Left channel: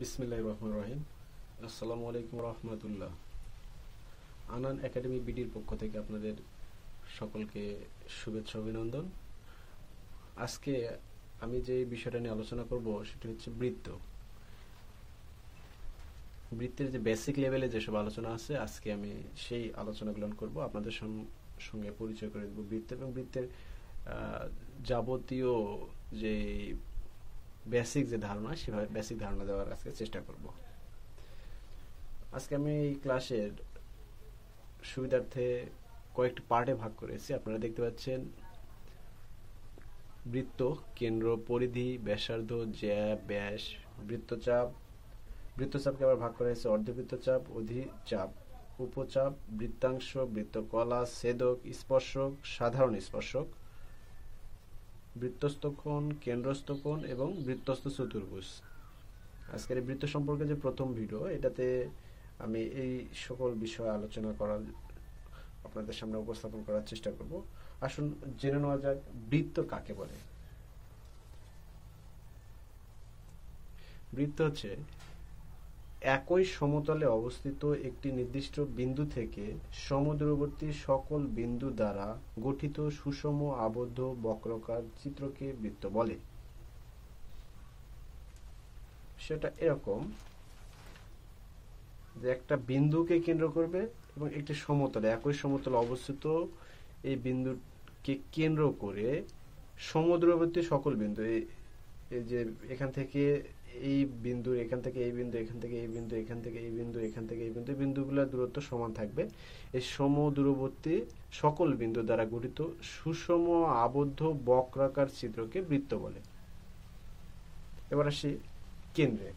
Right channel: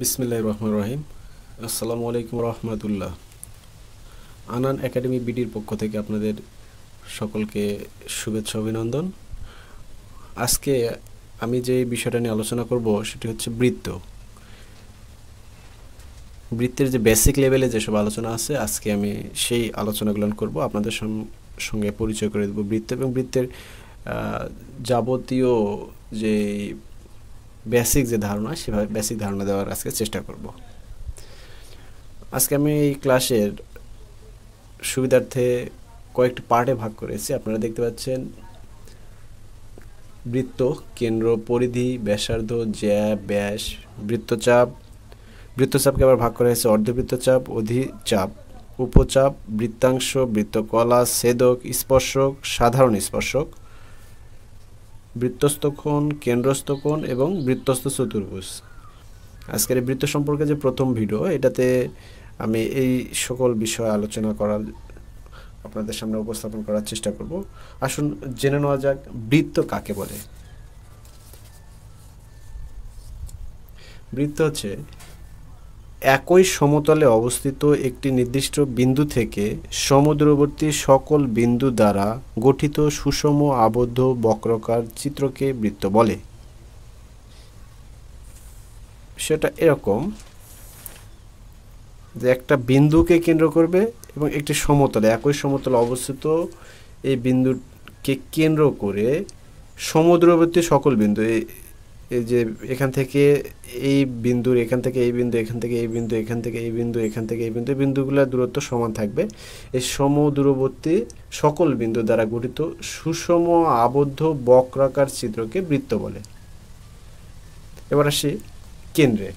বিসমিল্লাহির রহমানির রহিম। আসসালামু আলাইকুম রহমতুল্লাহ। আনান একাডেমি বিডির পক্ষ থেকে আপনাদের সকলকে শুভেচ্ছা অভিনন্দন। আজকে আমি যে বিষয়টা নিয়ে আলোচনা করব সেটি হচ্ছে বৃত্তের যে বেসিক লেভেলে যেসব আলোচনা আছে, আজকে আমি সেই আলোচনাগুলো করব, আপনাদের সঙ্গে পরিচয় করে দেব বৃত্ত এবং বৃত্তের যাবতীয় যে বেসিক যে ধারণা, সেভাবে বেসিক ধারণা দেওয়ার আজকে চেষ্টা করব। আজকে আমি এই ক্লাসের সুবিধার্থে কয়েকটি পার্টে ভাগ করেছি। আপনারা দেখতে পাচ্ছেন বৃত্ত, কেন্দ্র, পরিধি, ব্যাসার্ধ, জ্যা, ব্যাস, বৃত্তচাপ। বৃত্তচাপকে আবার ভাগ করা হয়েছে অর্ধবৃত্তচাপ, অধিচাপ, উপচাপ, বৃত্তাংশ, বৃত্তকলা, ছেদক, স্পর্শক, সাধারণ স্পর্শক, বৃত্তস্থ কোণ, কেন্দ্রস্থ কোণ এবং বৃত্তস্থ চতুর্ভুজ। আজকের এই বৃত্ত সম্পর্কে যে প্রথম ভিডিও, এটাতে আমি এই সকল বিষয় আলোচনা করার আপনাদের সামনে উপস্থাপন করার চেষ্টা করব। আসুন জেনে নেওয়া যাক বৃত্ত কাকে বলে। বৃত্ত হচ্ছে একই সমতলে অবস্থিত একটি নির্দিষ্ট বিন্দু থেকে সমদূরবর্তী সকল বিন্দু দ্বারা গঠিত সুষম আবদ্ধ বক্রাকার চিত্রকে বৃত্ত বলে। সেটা এরকম যে একটা বিন্দুকে কেন্দ্র করবে এবং একটি সমতলে, একই সমতলে অবস্থিত এই বিন্দুকে কেন্দ্র করে সমদূরবর্তী সকল বিন্দু, এই যে এখান থেকে এই বিন্দুর, এখান থেকে এই বিন্দু, এখান থেকে এই বিন্দু, এখান থেকে এই বিন্দু, এখান থেকে এই বিন্দু, বিন্দুগুলোর দূরত্ব সমান থাকবে। এই সমদূরবর্তী সকল বিন্দু দ্বারা গঠিত সুষম আবদ্ধ বক্রাকার চিত্রকে বৃত্ত বলে। এবার আসি কেন্দ্রে।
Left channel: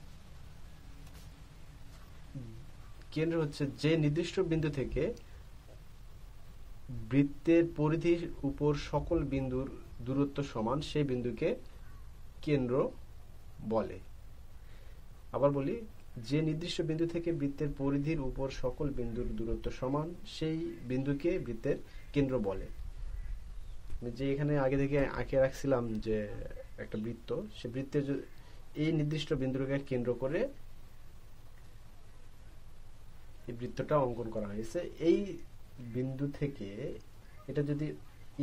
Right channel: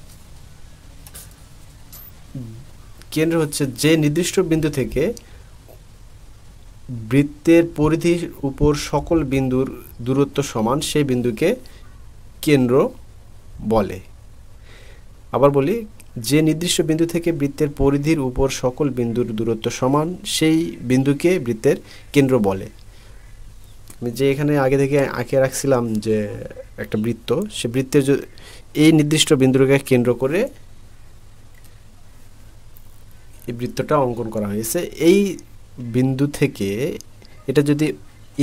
কেন্দ্র হচ্ছে যে নির্দিষ্ট বিন্দু থেকে বৃত্তের পরিধির উপর সকল বিন্দুর দূরত্ব সমান, সেই বিন্দুকে কেন্দ্র বলে। আবার বলি, যে নির্দিষ্ট বিন্দু থেকে বৃত্তের পরিধির উপর সকল বিন্দুর দূরত্ব সমান, সেই বিন্দুকে বৃত্তের কেন্দ্র বলে। আমি যে এখানে আগে থেকে আঁকে রাখছিলাম যে একটা বৃত্ত, সে বৃত্তের এই নির্দিষ্ট বিন্দুকে কেন্দ্র করে এই বৃত্তটা অঙ্কন করা হয়েছে। এই বিন্দু থেকে, এটা যদি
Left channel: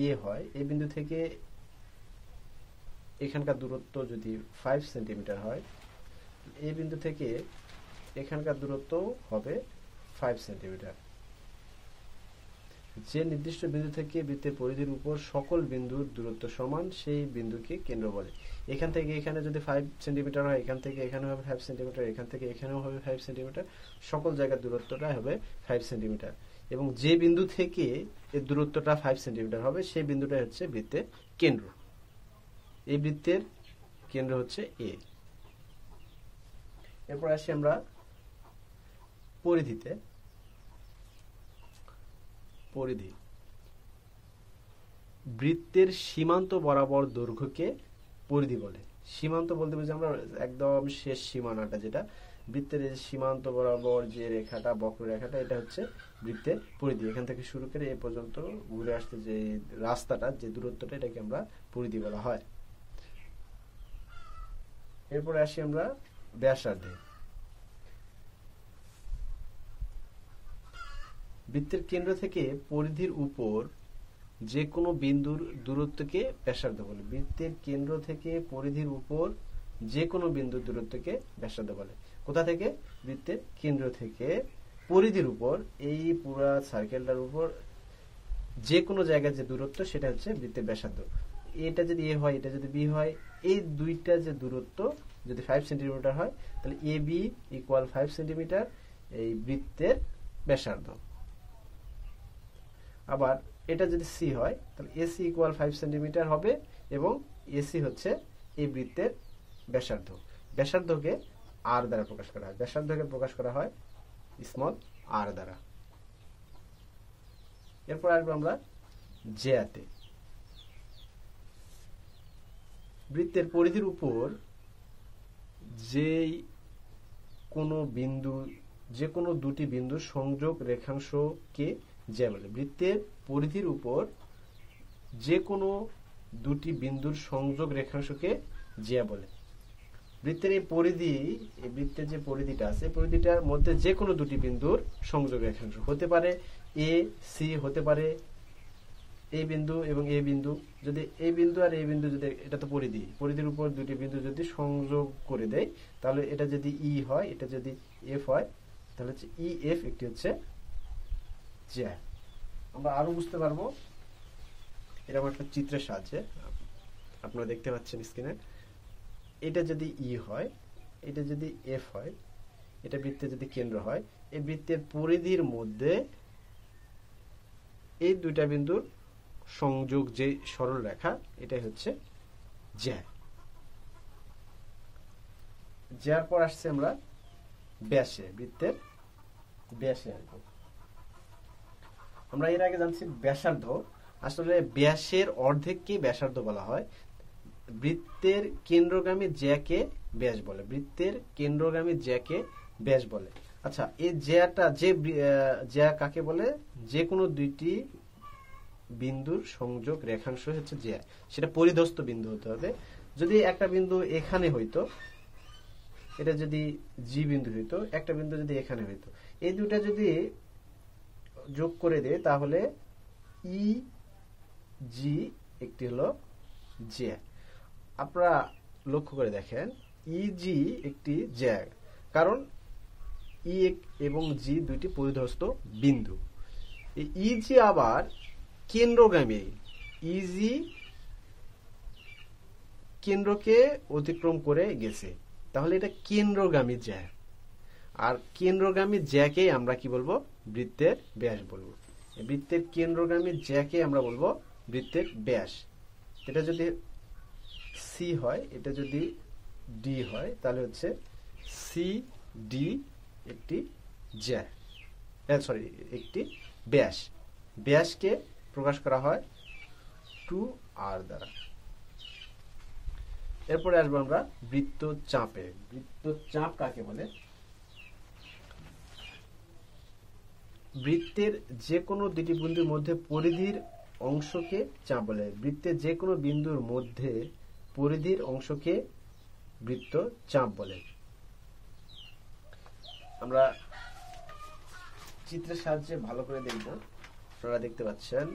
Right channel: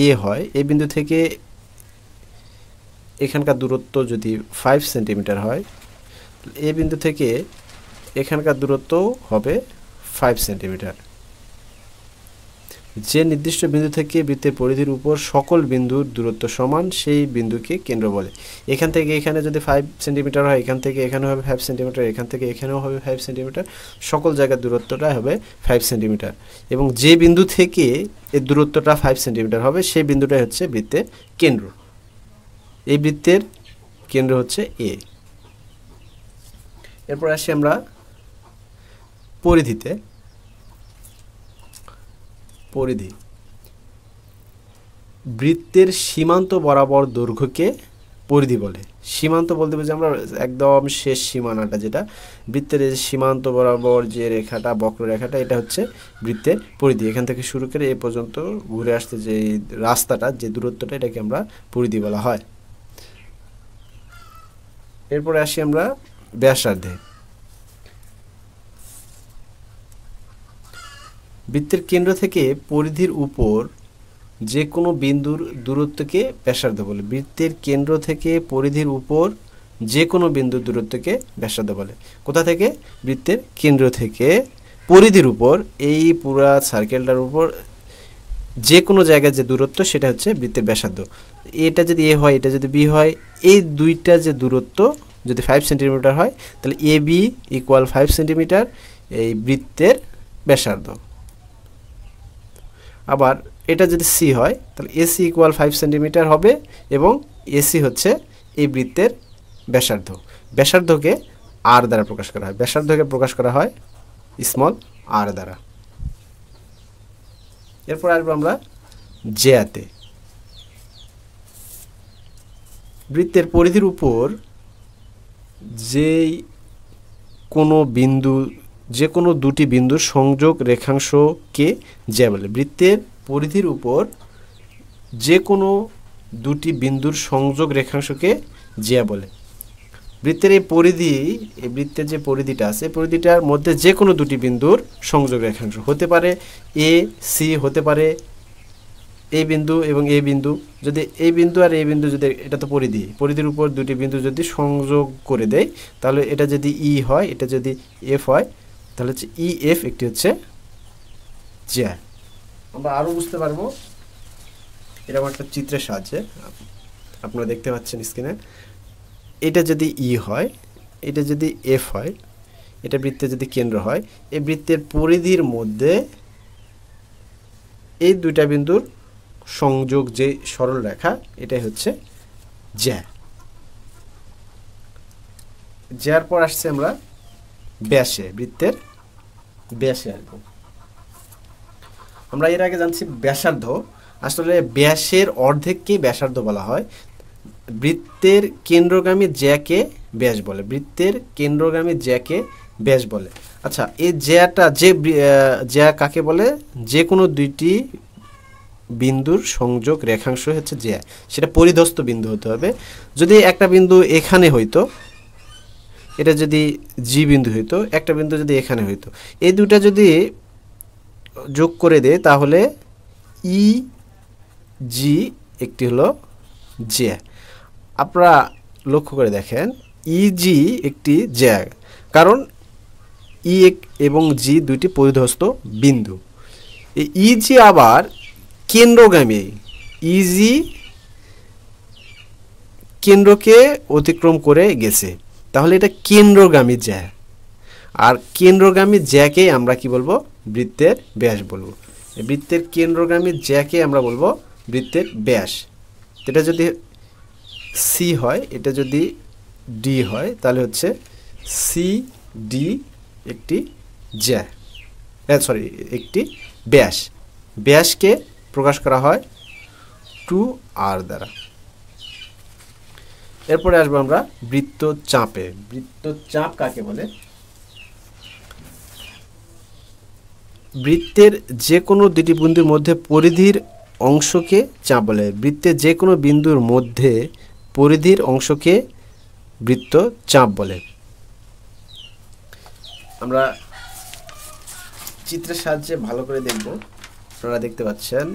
এ হয়, এই বিন্দু থেকে এখানকার দূরত্ব যদি 5 সেন্টিমিটার হয়, এই বিন্দু থেকে এখানকার দূরত্ব হবে 5 সেন্টিমিটার। যে নির্দিষ্ট বিন্দু থেকে বৃত্তের পরিধির উপর সকল বিন্দুর দূরত্ব সমান, সেই বিন্দুকে কেন্দ্র বলে। এখান থেকে এখানে যদি 5 সেন্টিমিটার হয়, এখান থেকে এখানে হবে 5 সেন্টিমিটার, এখান থেকে এখানেও হবে 5 সেন্টিমিটার, সকল জায়গার দূরত্বটা হবে 5 সেন্টিমিটার। এবং যে বিন্দু থেকে এর দূরত্বটা 5 সেন্টিমিটার হবে, সেই বিন্দুটাই হচ্ছে বৃত্তের কেন্দ্র। এই বৃত্তের কেন্দ্র হচ্ছে এ। এরপর আসি আমরা পরিধিতে। পরিধি বৃত্তের সীমান্ত বরাবর দৈর্ঘ্যকে পরিধি বলে। সীমান্ত বলতে বুঝি আমরা একদম শেষ সীমানাটা, যেটা বৃত্তের সীমান্ত বরাবর যে রেখাটা, বক্ররেখাটা, এটা হচ্ছে বৃত্তের পরিধি। এখান থেকে শুরু করে এ পর্যন্ত ঘুরে আসতে যে রাস্তাটা, যে দূরত্বটা, এটাকে আমরা পরিধি বলা হয়। এরপরে আসি আমরা ব্যাসার্ধে। বৃত্তের কেন্দ্র থেকে পরিধির উপর যে কোনো বিন্দুর দূরত্বকে ব্যাসার্ধ বলে। বৃত্তের কেন্দ্র থেকে পরিধির উপর যে কোনো বিন্দুর দূরত্বকে ব্যাসার্ধ বলে। কোথা থেকে? বৃত্তের কেন্দ্র থেকে পরিধির উপর, এই পুরা সার্কেলটার উপর যে কোনো জায়গায় যে দূরত্ব, সেটা হচ্ছে বৃত্তের ব্যাসার্ধ। এটা যদি এ হয়, এটা যদি বি হয়, এই দুইটা যে দূরত্ব যদি 5 সেন্টিমিটার হয়, তাহলে এ বি ইকুয়াল 5 সেন্টিমিটার, এই বৃত্তের ব্যাসার্ধ। আবার এটা যদি সি হয়, তাহলে এসি ইকুয়াল 5 সেন্টিমিটার হবে এবং এসি হচ্ছে এই বৃত্তের ব্যাসার্ধ। ব্যাসার্ধকে আর দ্বারা প্রকাশ করা হয়। ব্যাসার্ধকে প্রকাশ করা হয় স্মল আর দ্বারা। এরপর আসবো আমরা জ্যাতে। বৃত্তের পরিধির উপর যেই কোনো বিন্দু, যে কোনো দুটি বিন্দুর সংযোগ রেখাংশকে জ্যা বলে। বৃত্তের পরিধির উপর যে কোনো দুটি বিন্দুর সংযোগ রেখাংশকে জ্যা বলে। বৃত্তের এই পরিধি, এই বৃত্তের যে পরিধিটা আছে, পরিধিটার মধ্যে যে কোনো দুটি বিন্দুর সংযোগ রেখাংশ হতে পারে এ সি, হতে পারে এই বিন্দু এবং এই বিন্দু। যদি এই বিন্দু আর এই বিন্দু যদি, এটা তো পরিধি, পরিধির উপর দুটি বিন্দু যদি সংযোগ করে দেয়, তাহলে এটা যদি ই হয়, এটা যদি এফ হয়, তাহলে হচ্ছে ই এফ একটি হচ্ছে জ্যা। আমরা আরও বুঝতে পারবো এরকম একটা চিত্রের সাহায্যে। আপনারা দেখতে পাচ্ছেন স্ক্রিনে, এটা যদি ই হয়, এটা যদি এফ হয়, এটা বৃত্তের যদি কেন্দ্র হয়, এই বৃত্তের পরিধির মধ্যে এই দুইটা বিন্দুর সংযোগ যে সরল রেখা, এটাই হচ্ছে জ্যা। জ্যার পর আসছে আমরা ব্যাসে, বৃত্তের ব্যাসে আসবো। আমরা এর আগে জানছি ব্যাসার্ধ। আসলে ব্যাসের অর্ধেককেই ব্যাসার্ধ বলা হয়। বৃত্তের কেন্দ্রগামী জ্যাকে ব্যাস বলে, বৃত্তের কেন্দ্রগামী জ্যাকে ব্যাস বলে। আচ্ছা, এই জ্যাটা, যে জ্যা কাকে বলে? যে কোনো দুইটি বিন্দুর সংযোগ রেখাংশ হচ্ছে জ্যা, সেটা পরিধস্থ বিন্দু হতে হবে। যদি একটা বিন্দু এখানে হইতো, এটা যদি জি বিন্দু হইতো, একটা বিন্দু যদি এখানে হইতো, এই দুটা যদি যোগ করে দেয়, তাহলে ই জি একটি হলো জ্যা। আপনারা লক্ষ্য করে দেখেন, ই জি একটি জ্যা, কারণ ই এবং জি দুইটি পরিধস্থ বিন্দু। এই ই জি আবার কেন্দ্রগামী, ইজি কেন্দ্রকে অতিক্রম করে গেছে, তাহলে এটা কেন্দ্রগামী জ্যা। আর কেন্দ্রগামী জ্যাকে আমরা কি বলবো? বৃত্তের ব্যাস বলবো। বৃত্তের কেন্দ্রগামী জ্যাকে আমরা বলবো বৃত্তের ব্যাস। এটা যদি সি হয়, এটা যদি ডি হয়, তাহলে হচ্ছে সি ডি একটি জ্যা, সরি একটি ব্যাস। ব্যাসকে প্রকাশ করা হয় 2r দ্বারা। এরপরে আসবো আমরা বৃত্তচাপে। বৃত্তচাপ কাকে বলে? বৃত্তের যে কোনো দুটি বিন্দুর মধ্যে পরিধির অংশকে চাপ বলে। বৃত্তের যে কোনো বিন্দুর মধ্যে পরিধির অংশকে বৃত্তচাপ বলে। আমরা চিত্রের সাহায্যে ভালো করে দেখব। আপনারা দেখতে পাচ্ছেন,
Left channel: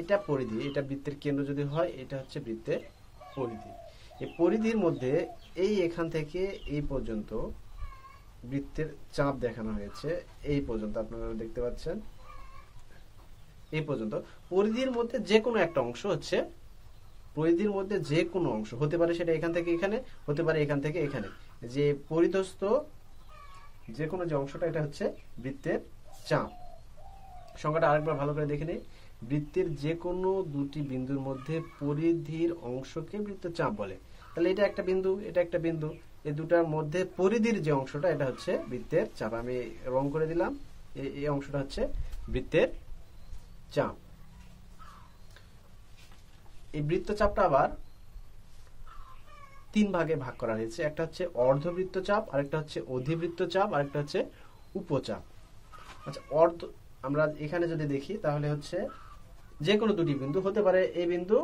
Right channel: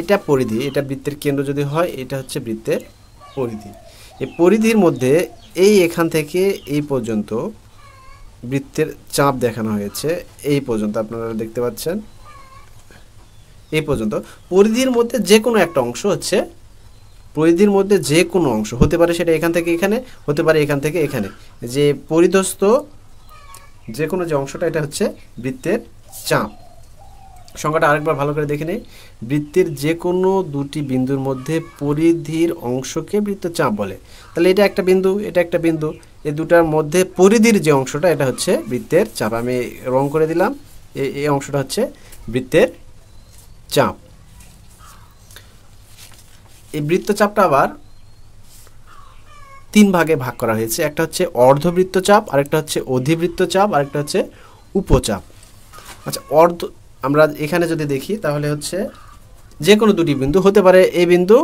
এটা পরিধি, এটা বৃত্তের কেন্দ্র যদি হয়, এটা হচ্ছে বৃত্তের পরিধি। এই পরিধির মধ্যে এই এখান থেকে এই পর্যন্ত বৃত্তের চাপ দেখানো হয়েছে, এই পর্যন্ত আপনারা দেখতে পাচ্ছেন, এই পর্যন্ত। পরিধির মধ্যে যে কোনো একটা অংশ হচ্ছে, পরিধির মধ্যে যে কোনো অংশ হতে পারে, সেটা এখান থেকে এখানে, হতে পারে এখান থেকে এখানে, যে পরিধস্থ যে কোনো যে অংশটা, এটা হচ্ছে বৃত্তের চাপ। সংখ্যাটা আরেকবার ভালো করে দেখে নেই। বৃত্তের যে কোনো দুটি বিন্দুর মধ্যে পরিধির অংশকে বৃত্তচাপ বলে। তাহলে এটা একটা বিন্দু, এটা একটা বিন্দু, এই দুটার মধ্যে পরিধির যে অংশটা, এটা হচ্ছে বৃত্তের চাপ। আমি রং করে দিলাম, এই অংশটা হচ্ছে বৃত্তের চাপ। এই বৃত্তচাপটা আবার তিন ভাগে ভাগ করা হয়েছে। একটা হচ্ছে অর্ধবৃত্তচাপ, আরেকটা হচ্ছে অধিবৃত্তচাপ, আরেকটা হচ্ছে উপচাপ। আচ্ছা, আমরা এখানে যদি দেখি, তাহলে হচ্ছে যে কোনো দুটি বিন্দু হতে পারে, এই বিন্দু,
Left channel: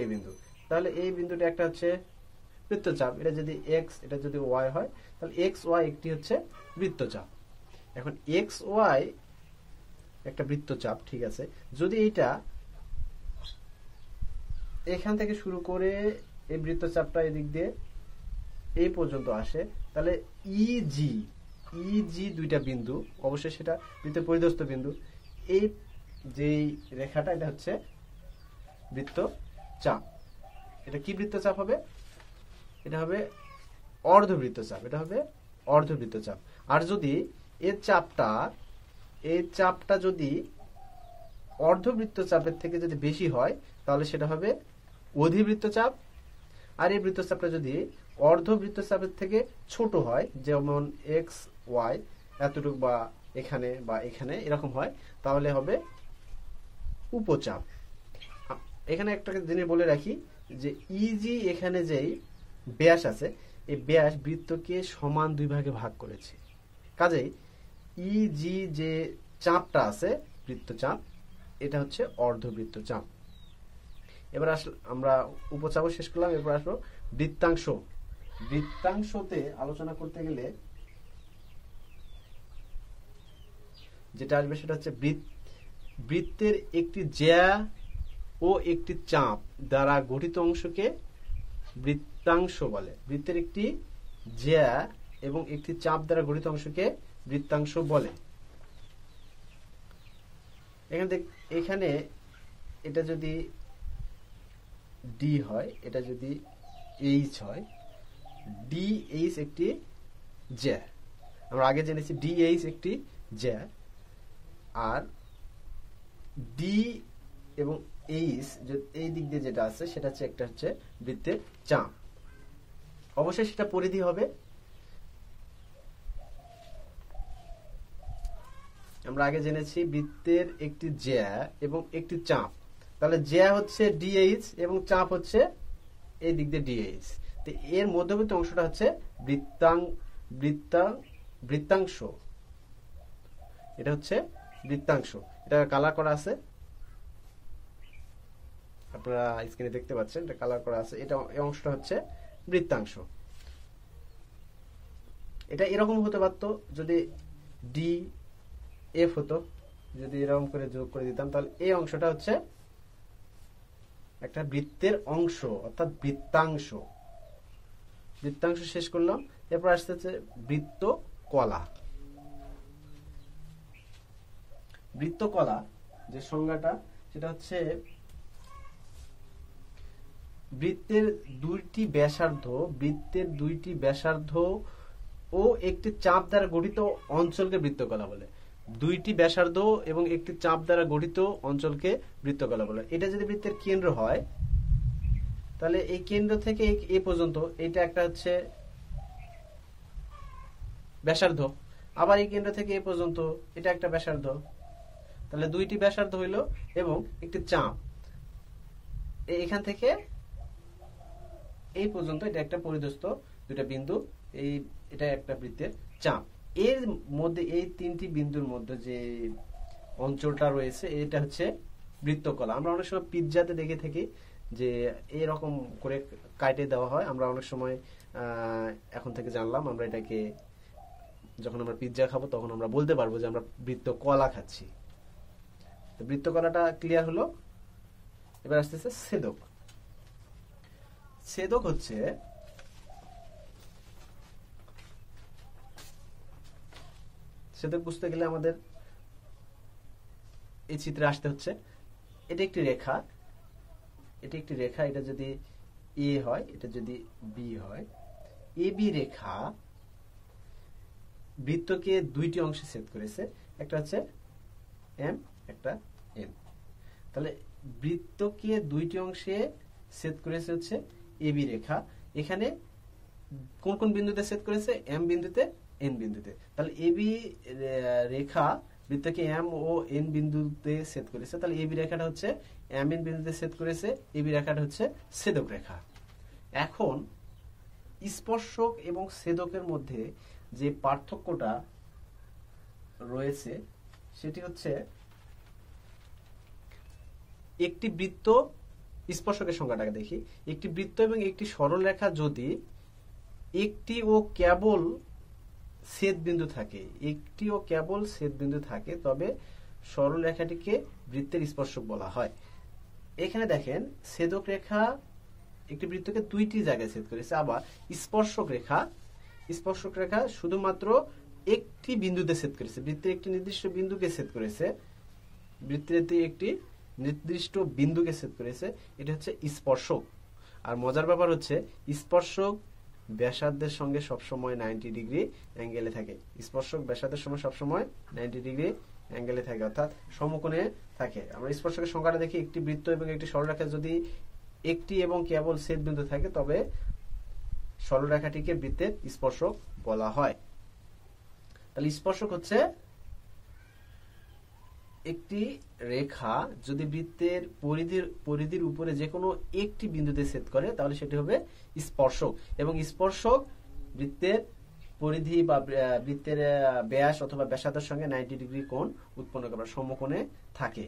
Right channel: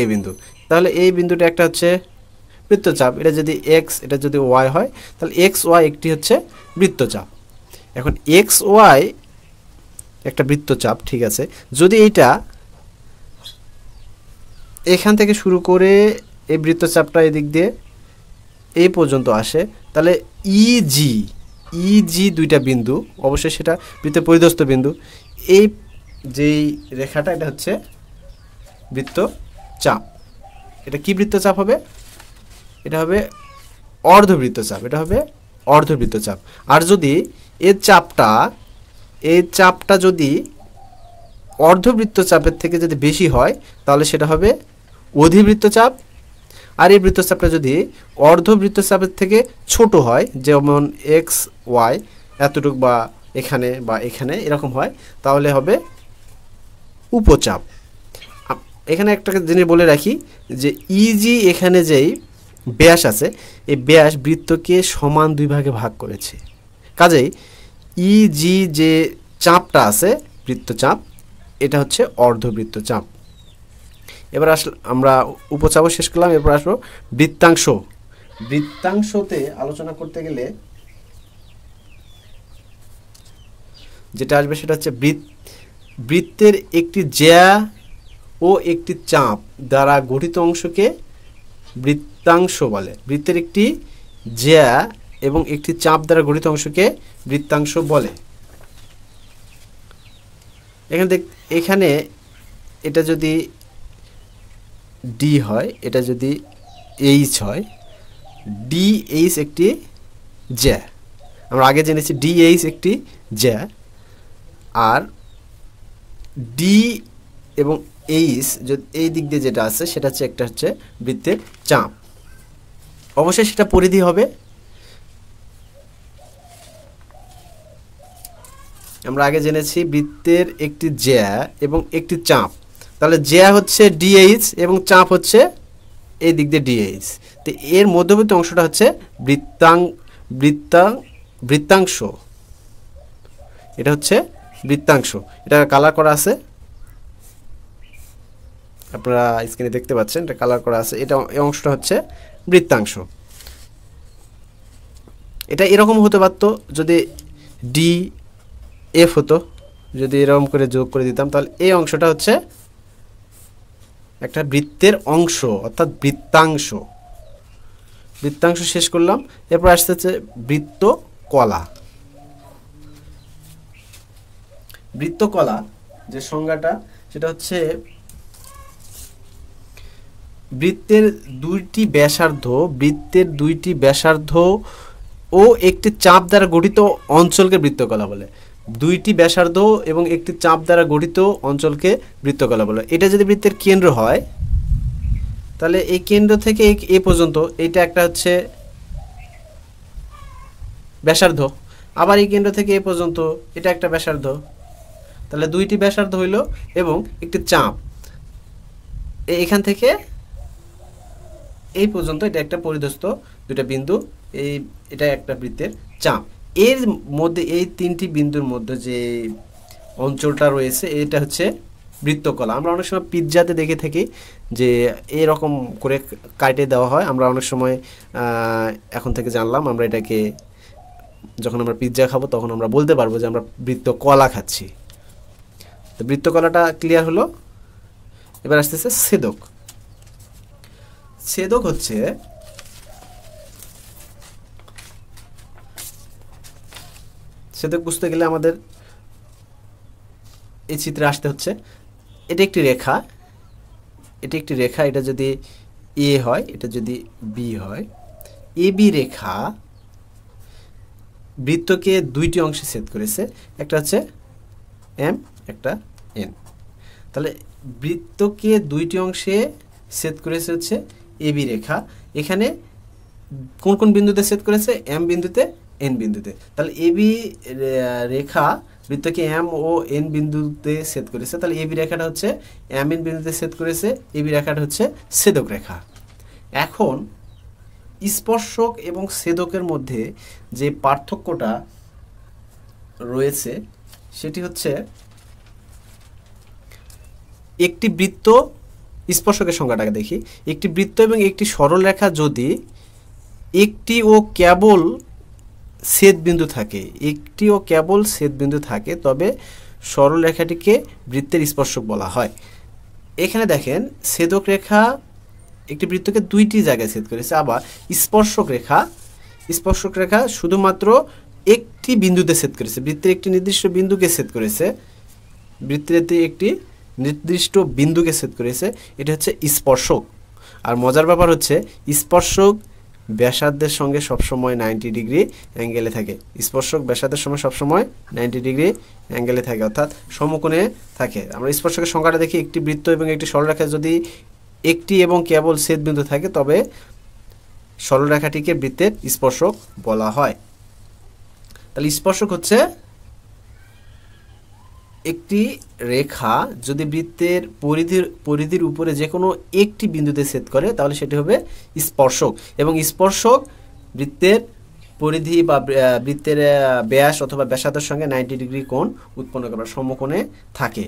এই বিন্দু। তাহলে এই বিন্দুটা একটা হচ্ছে বৃত্তচাপ। এটা যদি এক্স, এটা যদি ওয়াই হয়, তাহলে এক্স ওয়াই একটি হচ্ছে বৃত্তচাপ। এখন এক্স ওয়াই একটা বৃত্তচাপ, ঠিক আছে। যদি এইটা এখান থেকে শুরু করে এই বৃত্তচাপটা এদিক দিয়ে এই পর্যন্ত আসে, তাহলে ইজি, ইজি দুইটা বিন্দু, অবশ্যই সেটা বৃত্তের পরিধস্থ বিন্দু। এই যেই রেখাটা, এটা হচ্ছে বৃত্তচাপ। এটা কি বৃত্তচাপ হবে? এটা হবে অর্ধবৃত্তচাপ, এটা হবে অর্ধবৃত্তচাপ। আর যদি এই চাপটা যদি অর্ধবৃত্তচাপের থেকে যদি বেশি হয়, তাহলে সেটা হবে অধিবৃত্তচাপ। আর এই বৃত্তচাপটা যদি অর্ধবৃত্তচাপের থেকে ছোট হয়, যেমন এক্স ওয়াই এতটুকু বা এখানে এরকম হয়, তাহলে হবে উপচাপ। এখানে একটা জিনিস বলে রাখি, যে ইজি এখানে যেই ব্যাস আছে, এই ব্যাস বৃত্তকে সমান দুই ভাগে ভাগ করেছে। কাজেই ইজি যে চাপটা আছে, বৃত্তচাপ, এটা হচ্ছে অর্ধবৃত্তচাপ। এবার আমরা উপচাপও শেষ করলাম। এরপর আসবো বৃত্তাংশ। বৃত্তাংশতে আলোচনা করতে গেলে যেটা আসবে সেটা হচ্ছে বৃত্তের একটি জ্যা ও একটি চাপ দ্বারা গঠিত অংশকে বৃত্তাংশ বলে। বৃত্তের একটি জ্যা এবং একটি চাপ দ্বারা গঠিত অংশকে বৃত্তাংশ বলে। এখানে এটা যদি ডি হয়, এটা যদি এইচ হয়, ডি এইচ একটি জ্যা, আমরা আগে জেনেছি ডি এইচ একটি জ্যা, আর ডি এবং এইচ এই দিক দিয়ে যেটা আছে সেটা হচ্ছে একটা হচ্ছে বৃত্তের চাপ। অবশ্যই সেটা পরিধি হবে। আমরা আগে জেনেছি বৃত্তের একটি জ্যা এবং একটি চাপ, তাহলে জ্যা হচ্ছে ডিএইচ এবং চাপ হচ্ছে এই দিক দিয়ে ডিএইচ। তো এর মধ্যবর্তী অংশটা হচ্ছে বৃত্তাংশ। এটা হচ্ছে বৃত্তাংশ। এটা কালার করা আছে, আপনারা স্ক্রিনে দেখতে পাচ্ছেন, এটা কালার করা আছে। এটা এই অংশটা হচ্ছে বৃত্তাংশ। এটা এরকম হতে পারতো যদি ডি এফ হতো, যদি এরকম করে যোগ করে দিতাম, তাহলে এই অংশটা হচ্ছে একটা বৃত্তের অংশ, অর্থাৎ বৃত্তাংশ। বৃত্তাংশ শেষ করলাম। এরপর আসতে হচ্ছে বৃত্তকলা। বৃত্তকলা যে সংজ্ঞাটা সেটা হচ্ছে বৃত্তের দুইটি ব্যাসার্ধ ও একটি চাপ দ্বারা গঠিত অঞ্চলকে বৃত্তকলা বলে। দুইটি ব্যাসার্ধ এবং একটি চাপ দ্বারা গঠিত অঞ্চলকে বৃত্তকলা বলে। এটা যদি বৃত্তের কেন্দ্র হয় তাহলে এই কেন্দ্র থেকে এ পর্যন্ত এটা একটা হচ্ছে ব্যাসার্ধ, আবার এই কেন্দ্র থেকে এ পর্যন্ত এটা একটা ব্যাসার্ধ, তাহলে দুইটি ব্যাসার্ধ হইল এবং একটি চাপ এখান থেকে এই পর্যন্ত, এটা একটা পরিধস্থ দুইটা বিন্দু, এটা একটা বৃত্তের চাপ। এর মধ্যে এই তিনটি বিন্দুর মধ্যে যে অঞ্চলটা রয়েছে এটা হচ্ছে বৃত্তকলা। আমরা অনেক সময় পিৎজাতে দেখে থাকি যে এরকম করে কাটে দেওয়া হয়। আমরা অনেক সময় এখন থেকে জানলাম, আমরা এটাকে যখন আমরা পিৎজা খাবো তখন আমরা বলতে পারবো যে আমরা বৃত্তকলা খাচ্ছি। তো বৃত্তকলাটা ক্লিয়ার হলো। এবার আসতেছে ছেদক। ছেদক হচ্ছে ছেদক বুঝতে গেলে আমাদের এই চিত্রে আসতে হচ্ছে। এটা একটি রেখা, এটা যদি এ হয়, এটা যদি বি হয়, এ বি রেখা বৃত্তকে দুইটি অংশে ছেদ করেছে, একটা হচ্ছে এম, একটা এন। তাহলে বৃত্তকে দুইটি অংশে ছেদ করেছে হচ্ছে এ বি রেখা। এখানে কোন কোন বিন্দুতে ছেদ করেছে? এম বিন্দুতে, এন বিন্দুতে। তাহলে A B Rekha বৃত্তকে M O N বিন্দুতে ছেদ করেছে, তাহলে এ বি রেখাটা হচ্ছে এম এন বিন্দুতে ছেদ করেছে, এ বি রেখাটা হচ্ছে ছেদক রেখা। এখন স্পর্শক এবং ছেদকের মধ্যে যে পার্থক্যটা রয়েছে সেটি হচ্ছে একটি বৃত্ত, স্পর্শকের সংজ্ঞাটাকে দেখি। একটি বৃত্ত এবং একটি সরল রেখা যদি একটি ও কেবল ছেদবিন্দু থাকে, তবে সরল রেখাটিকে বৃত্তের স্পর্শক বলা হয়। এখানে দেখেন ছেদক রেখা একটি বৃত্তকে দুইটি জায়গায় ছেদ করেছে, আবার স্পর্শক রেখা শুধুমাত্র একটি বিন্দুতে ছেদ করেছে, বৃত্তের একটি নির্দিষ্ট বিন্দুকে ছেদ করেছে, এটা হচ্ছে স্পর্শক। আর মজার ব্যাপার হচ্ছে স্পর্শক ব্যাসার্ধের সঙ্গে সবসময় 90 ডিগ্রি অ্যাঙ্গেলে থাকে। স্পর্শক ব্যাসার্ধের সঙ্গে সবসময় 90 ডিগ্রি অ্যাঙ্গেলে থাকে, অর্থাৎ সমকোণে থাকে। আমরা স্পর্শকের সংখ্যাটা দেখি, একটি বৃত্ত এবং একটি সরলরেখা যদি একটি এবং কেবল ছেদবিন্দু থাকে তবে সরলরেখাটিকে বৃত্তের স্পর্শক বলা হয়। তাহলে স্পর্শক হচ্ছে একটি রেখা যদি বৃত্তের পরিধির উপরে যে কোনো একটি বিন্দুতে ছেদ করে তাহলে সেটি হবে স্পর্শক, এবং স্পর্শক বৃত্তের পরিধি বা বৃত্তের ব্যাস অথবা ব্যাসার্ধের সঙ্গে 90 ডিগ্রি কোণ উৎপন্ন করে, সমকোণে থাকে।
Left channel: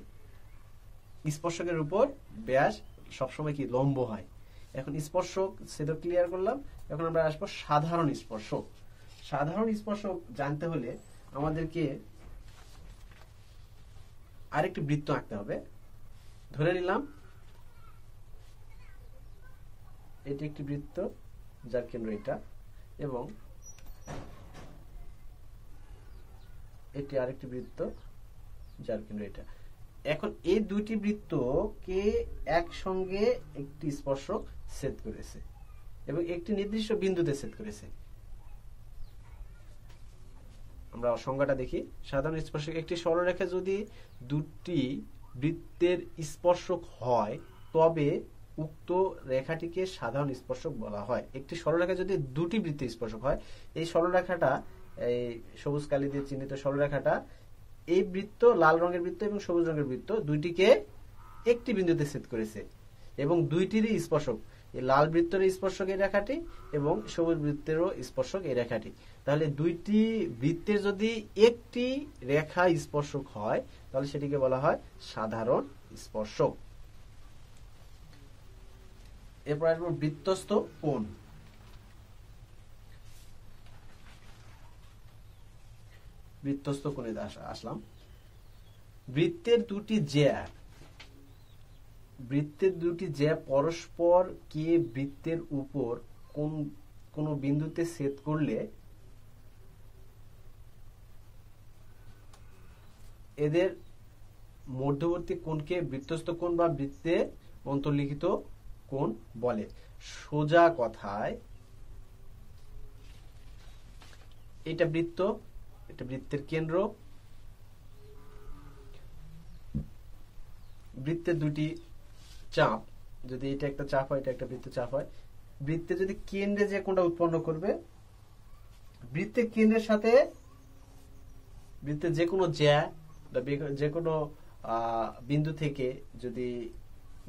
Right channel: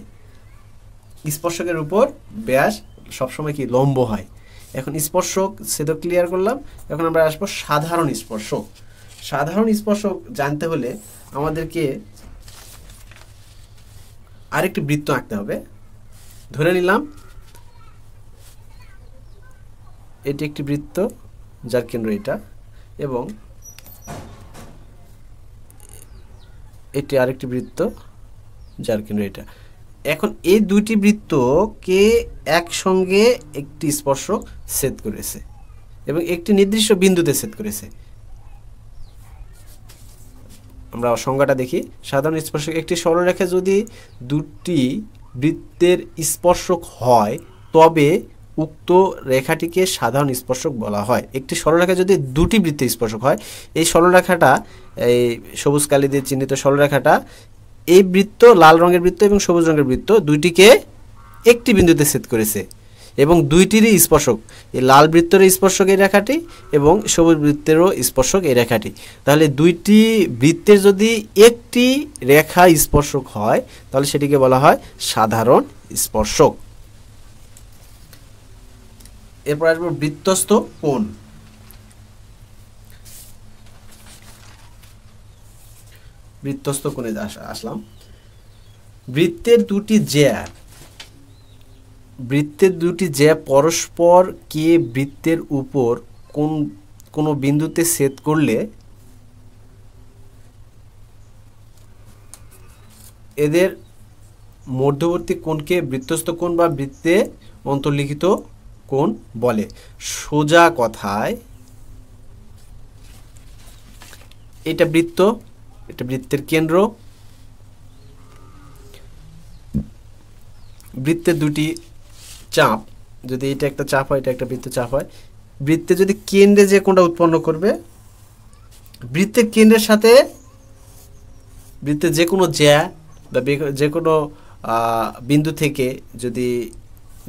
স্পর্শকের উপর ব্যাস সবসময় কি লম্ব হয়। এখন স্পর্শক ছেদক ক্লিয়ার করলাম। এখন আমরা আসবো সাধারণ স্পর্শক। সাধারণ স্পর্শক জানতে হলে আমাদেরকে আরেকটি বৃত্ত আঁকতে হবে। ধরে নিলাম এটি একটি বৃত্ত যার কেন্দ্র এটা, এবং এটি আরেকটি বৃত্ত যার কেন্দ্র এটা। এখন এই দুইটি বৃত্তকে একসঙ্গে একটি স্পর্শক ছেদ করেছে এবং একটি নির্দিষ্ট বিন্দুতে ছেদ করেছে। আমরা সংজ্ঞাটা দেখি। সাধারণ স্পর্শক একটি সরলরেখা যদি দুটি বৃত্তের স্পর্শক হয় তবে উক্ত রেখাটিকে সাধারণ স্পর্শক বলা হয়। একটি সরলরেখা যদি দুটি বৃত্তের স্পর্শক হয়, এই সরলরেখাটা, এই সবুজ কালি দিয়ে চিহ্নিত সরলরেখাটা এই বৃত্ত, লাল রঙের বৃত্ত এবং সবুজ রঙের বৃত্ত দুইটিকে একটি বিন্দুতে ছেদ করেছে এবং দুইটিরই স্পর্শক, এই লাল বৃত্তের স্পর্শক এই রেখাটি এবং সবুজ বৃত্তেরও স্পর্শক এই রেখাটি। তাহলে দুইটি বৃত্তের যদি একটি রেখা স্পর্শক হয় তাহলে সেটিকে বলা হয় সাধারণ স্পর্শক। এরপর আসবো বৃত্তস্থ কোণ। বৃত্তস্থ কোণে আসলাম। বৃত্তের দুটি জ্যা পরস্পর কে বৃত্তের উপর কোন বিন্দুতে ছেদ করলে এদের মধ্যবর্তী কোণকে বৃত্তস্থ কোণ বা বৃত্তে অন্তর্লিখিত কোণ বলে। সোজা কথায় এটা বৃত্ত, এটা বৃত্তের কেন্দ্র। বৃত্তের দুটি চাপ, যদি এটা একটা চাপ হয়, এটা একটা বৃত্ত চাপ হয়, বৃত্তে যদি কেন্দ্রে যে কোণটা উৎপন্ন করবে, বৃত্তের কেন্দ্রের সাথে বৃত্তের যে কোনো জ্যা বা যে কোনো বিন্দু থেকে যদি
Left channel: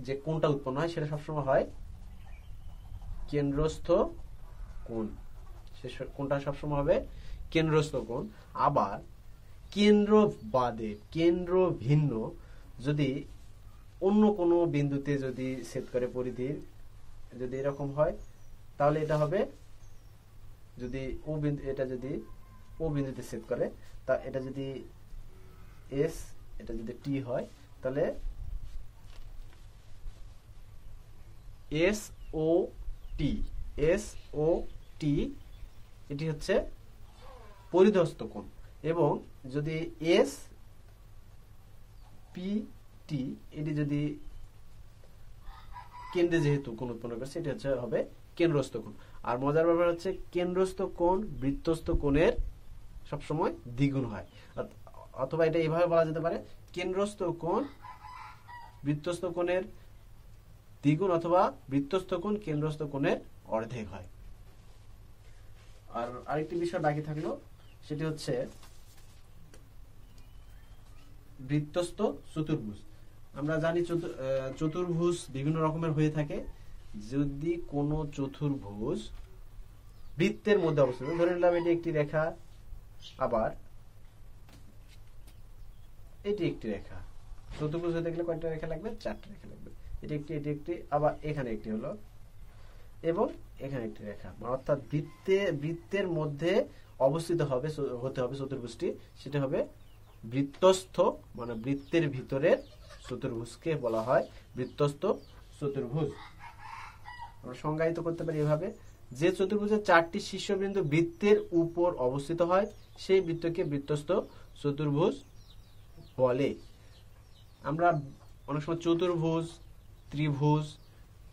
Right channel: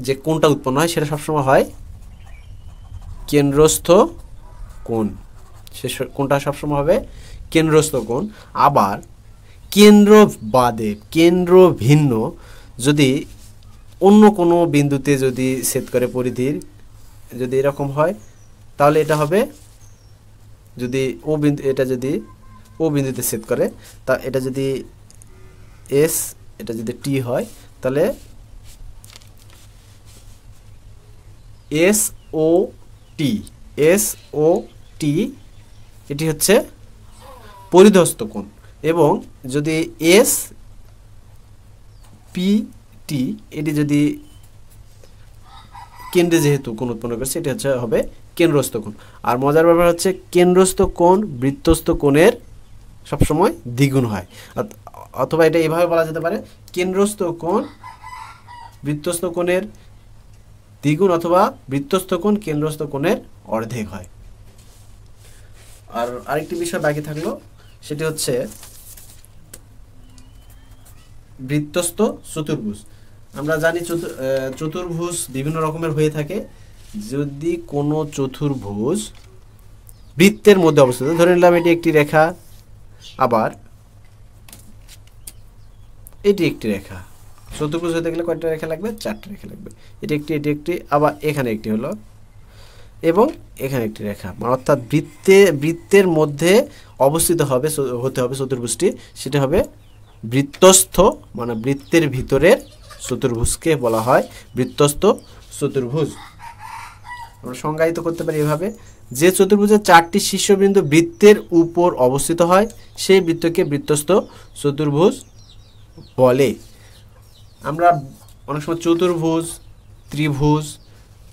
যে কোণটা উৎপন্ন হয় সেটা সবসময় হয় কেন্দ্রস্থ কোণ। সে কোণটা সবসময় হবে কেন্দ্রস্থ কোণ। আবার কেন্দ্র বাদে, কেন্দ্র ভিন্ন যদি অন্য কোনো বিন্দুতে যদি ছেদ করে পরিধির, যদি এরকম হয় তাহলে এটা হবে, যদি ও বিন্দু, এটা যদি ও বিন্দুতে ছেদ করে, তা এটা যদি এস, এটা যদি টি হয় তাহলে এস ও টি, এস ও টি এটি হচ্ছে পরিধস্থ কোণ। এবং যদি এস পি টি, এটি যদি কেন্দ্রে যেহেতু কোণ উৎপন্ন করছে, এটি হচ্ছে হবে কেন্দ্রস্থ কোণ। আর মজার ব্যাপার হচ্ছে কেন্দ্রস্থ কোণ বৃত্তস্থ কোণের সবসময় দ্বিগুণ হয়, অথবা এটা এভাবে বলা যেতে পারে কেন্দ্রস্থ কোণ বৃত্তস্থ কোণের দ্বিগুণ, অথবা বৃত্তস্থ কোণ কেন্দ্রস্থ কোণের অর্ধেক হয়। আর আরেকটি বিষয় বাকি থাকলো, সেটি হচ্ছে বৃত্তস্থ চতুর্ভুজ। আমরা জানি চতুর্ভুজ বিভিন্ন রকমের হয়ে থাকে। যদি কোনো চতুর্ভুজ বৃত্তের মধ্যে অবস্থিত, ধরে নিলাম এটি একটি রেখা, আবার এটি একটি রেখা। চতুর্ভুজ হতে গেলে কয়টা রেখা লাগবে? 4টা রেখা লাগবে। এটি একটি, আবার এখানে একটি হলো, এবং এখানে একটি রেখা। অর্থাৎ বৃত্তের মধ্যে অবস্থিত হতে হবে চতুর্ভুজটি, সেটা হবে বৃত্তস্থ, মানে বৃত্তের ভিতরের চতুর্ভুজকে বলা হয় বৃত্তস্থ চতুর্ভুজ। আমরা সংজ্ঞায়িত করতে পারি এভাবে, যে চতুর্ভুজের 4টি শীর্ষবিন্দু বৃত্তের উপর অবস্থিত হয় সেই বৃত্তকে বৃত্তস্থ চতুর্ভুজ বলে। আমরা অনেক সময় চতুর্ভুজ, ত্রিভুজ,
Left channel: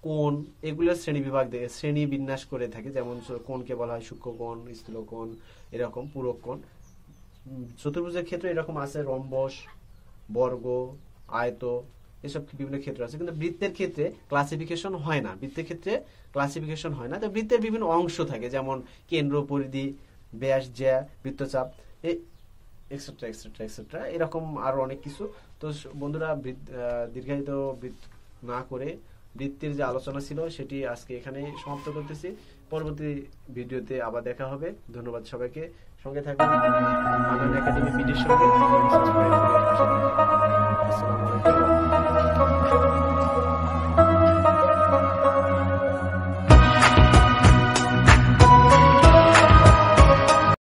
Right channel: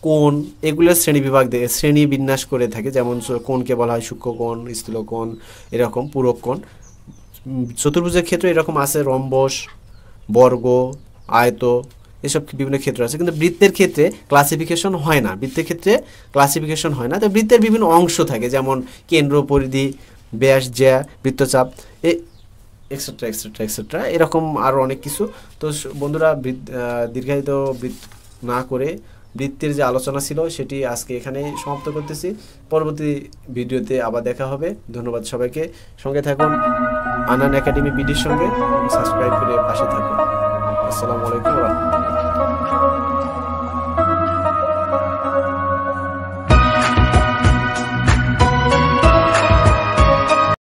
কোণ এগুলোর শ্রেণী বিন্যাস করে থাকি। যেমন কোণকে বলা হয় সূক্ষ্মকোণ, স্থূলকোণ, এরকম পূরক কোণ। চতুর্ভুজের ক্ষেত্রে এরকম আছে রম্বস, বর্গ, আয়ত, এসব বিভিন্ন ক্ষেত্র আছে। কিন্তু বৃত্তের ক্ষেত্রে ক্লাসিফিকেশন হয় না, তো বৃত্তের বিভিন্ন অংশ থাকে, যেমন কেন্দ্র, পরিধি, ব্যাস, জ্যা, বৃত্তচাপ, এক্সেট্রা এক্সেট্রা এক্সেট্রা, এরকম আরও অনেক কিছু। তো বন্ধুরা, দীর্ঘায়িত না করে বৃত্তের যে আলোচনা ছিল সেটি আজকে এখানেই সমাপ্ত করতেছি। পরবর্তী ভিডিওতে আবার দেখা হবে। ধন্যবাদ সবাইকে। সঙ্গে থাকুন আনান একাডেমি বিডির সঙ্গে, সাবস্ক্রাইব করে পাশে থাকুন। আসসালামু আলাইকুম ওয়া রাহমাতুল্লাহ।